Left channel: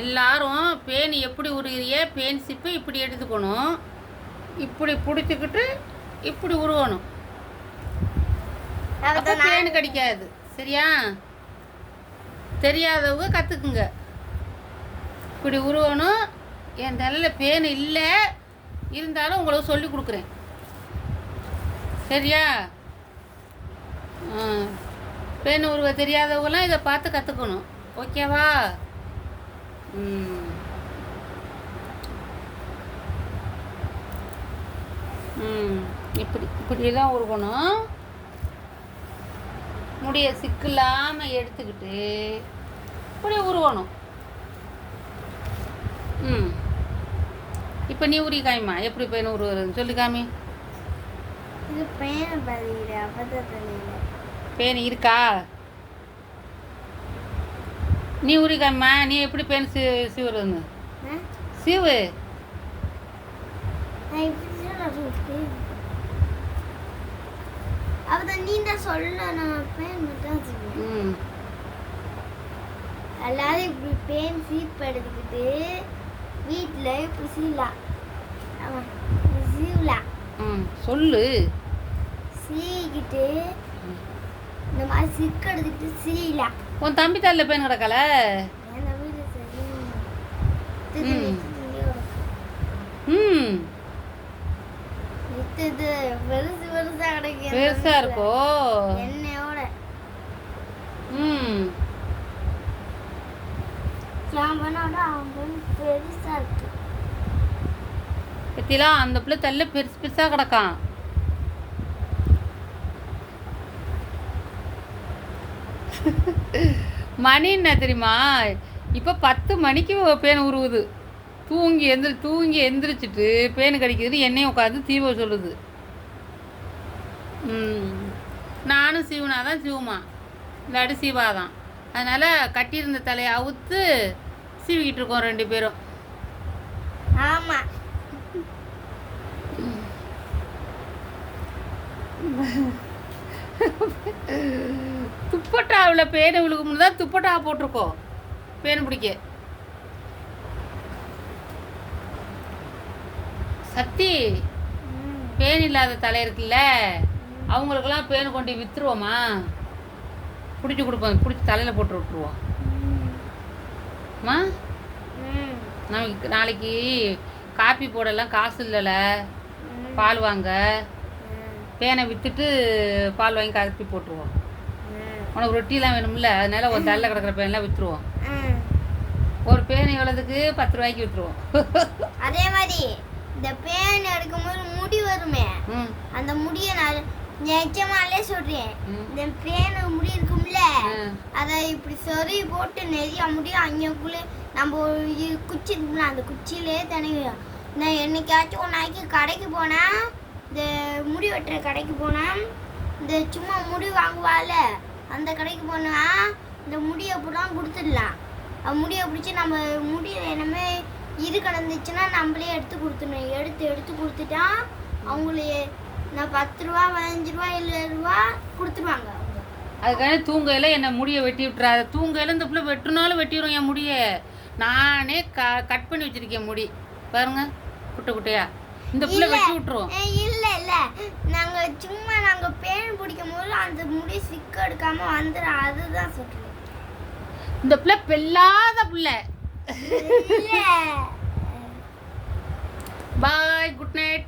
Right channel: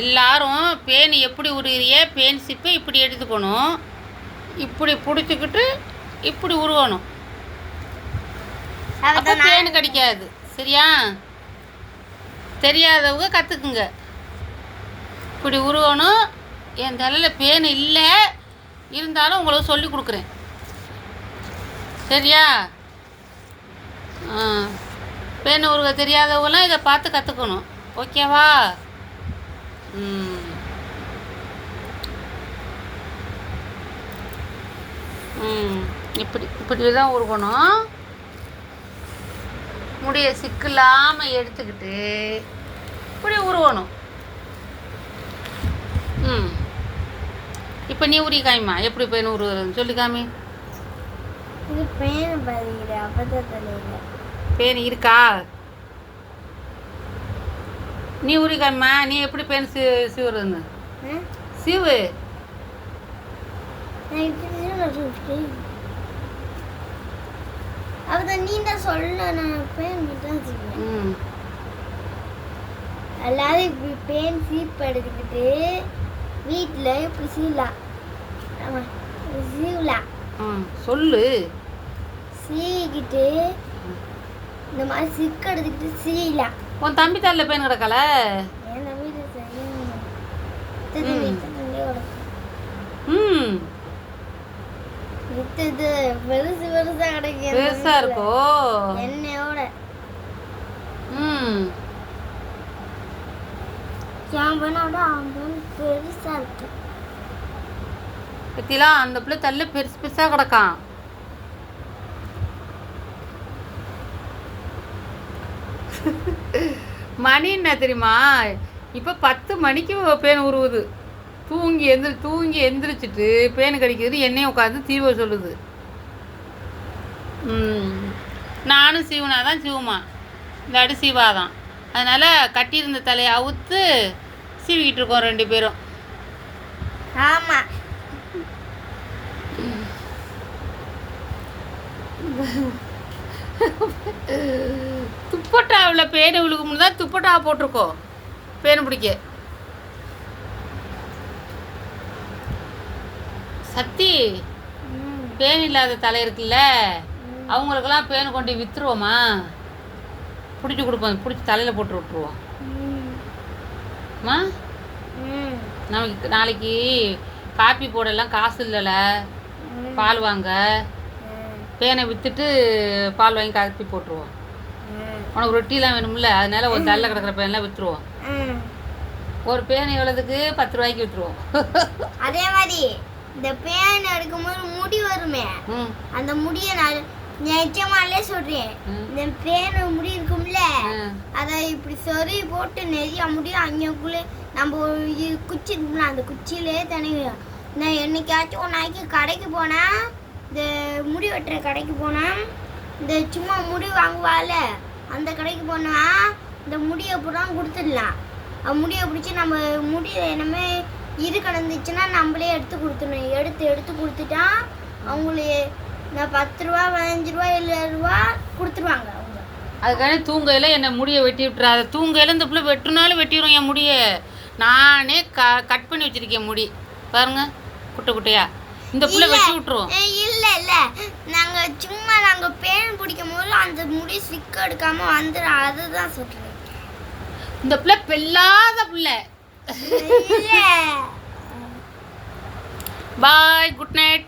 எல்லாரும் பேன் எப்படி உருகிறிய பேன் சிப்பை இப்படி எடுத்துக்கணும், இப்படி பிடிச்சிக்கிட்டு இப்படி உருவணும். அப்போ பேன் கடிக்காது. சரியா? தெரியாதவங்க கற்றுக்குங்க. இப்படி உருவணும். என் தலையில் பேன் இல்லை, இருந்தாலும் உங்களுக்கு சொல்லி கொடுக்குறேன். சரியா? பேன் உருவ தெரியாதவங்களாம் இதை பார்த்து கற்றுக்கணும். ஓகேவா? இப்படி தான் உருகணும். முடிய சிக்கலாமல் எடுத்துக்கிட்டு இப்படி உருவணும். இப்போ நீ உரி காமிமா, எப்படி பேன் உருவுறதுன்னு சொல்லி காமி. இது பேன் பேன் இருக்கா? நீ உரி காமிமா, நீ எப்படி பேன் சீவுறதுன்னு சீவு. நீண்ட சொல்ல எல்லாரும் இப்படி பேன் சீப் எடுத்துக்கிட்டு வீட்டில் இப்படி சீவலாம். ஆமாம், சீவலாம். சொல்லு. சீக்கிட்டு இந்த மாதிரி சிக்கு எடுத்துக்கிட்டு சீவலாம். உன் தம்பி தரல பேன் கிடக்கல? என் தம்பி பெருசு பெருசா கிடைக்கும். பெருசா இருக்கோ என்னையோட? சாம்பனோட அவன் பெருசா இருக்கு. பத்திலாம் அந்த பிள்ளை தள்ள பெருசு பெருசா கிடக்கான். மணி என்ன தெரியுமா? இப்போ 10 மணிக்கு பேன் உருவுது. தூங்கி எந்திரிச்சிட்டு பேன் கடிக்கிறது என்னையும் உட்காந்து சீவ சொல்லுது. நானும் சீவனாதான் சீவுமா, இல்லாட்டி சீவாதான். அதனால் கட்டியிருந்த தலையை அவுத்து சீவிக்கிட்டு இருக்கோம் 2 பேரும். ஆமாம். துப்பட்டாவில் பேனை விழுகும்னு தான் துப்பட்டா போட்டிருக்கோம் பேன் பிடிக்க. சத்தி, பேன் இல்லாத தலை இருக்குல்ல, அவங்களுக்கெல்லாம் பேன் கொண்டு விற்றுருவோமா? பிடிச்சி கொடுப்போம், பிடிச்சி தலையில் போட்டு விட்டுருவோம். நமக்கு நாளைக்கு காப்பி போடலாம் காசு இல்லைல்ல, பால் வாங்க. பேனை விற்றுட்டு பால் வாங்கி காப்பி போட்டுருவோம். உனக்கு ரொட்டிலாம் வேணும்ல, அதனால ஒரு தலையில் கிடக்கிற பேன்லாம் விற்றுருவோம். ஒரு பேன் எவ்வளோதுக்கு 10 ரூபாய்க்கு விற்றுருவோம். அதே மாதிரி இந்த பேன் எடுக்கும்போது முடி வருமே, அந்த முடியை நான் நிஜமாலே சொல்றேன். இந்த பேன் முடி இருக்கும்ல, அதை இப்படி சொறி போட்டு நிறைய முடியும் அங்கக்குள்ளே நம்ம குச்சி இருக்கும்ல, அந்த குச்சியிலே தனியும். நான் என்னைக்காச்சும் ஒரு நாளைக்கு கடைக்கு போனேன், இந்த முடி வெட்டுற கடைக்கு போனேன், இந்த சும்மா முடி வாங்குவாள் அந்த கடைக்கு போனால் இந்த முடியை பூரா கொடுத்துடலாம். முடியை பிடிச்சி நம்ம முடி என்னமே இது கிடந்துச்சுன்னா நம்மளே எடுத்து கொடுத்துடணும். எடுத்து கொடுத்துட்டா அவங்களே நான் 10 ரூபா 15 ரூபா 7 ரூபா கொடுத்துருவாங்க அவங்க. அதுக்கான தூங்கையில் என்னை முடியை வெட்டி விட்டுறாது. தூங்கையில் இந்த பிள்ளை வெட்டுனாலும் வெட்டிடும் என் முடியை. நானே கட் பண்ணி வச்சுருக்கேன் முடி பாருங்க, குட்டை குட்டையா. இந்த பிள்ளை வெட்டி விட்டுருவோம். இல்லை நாங்கள் பேன் பிடிக்கும் போது அந்த முடி சிக்க எடுக்காமல் வந்துடும். அதுதான் சொல்கிறேன். இந்த பிள்ளை பெல்லாத பிள்ளை. பாய், குட் நைட்.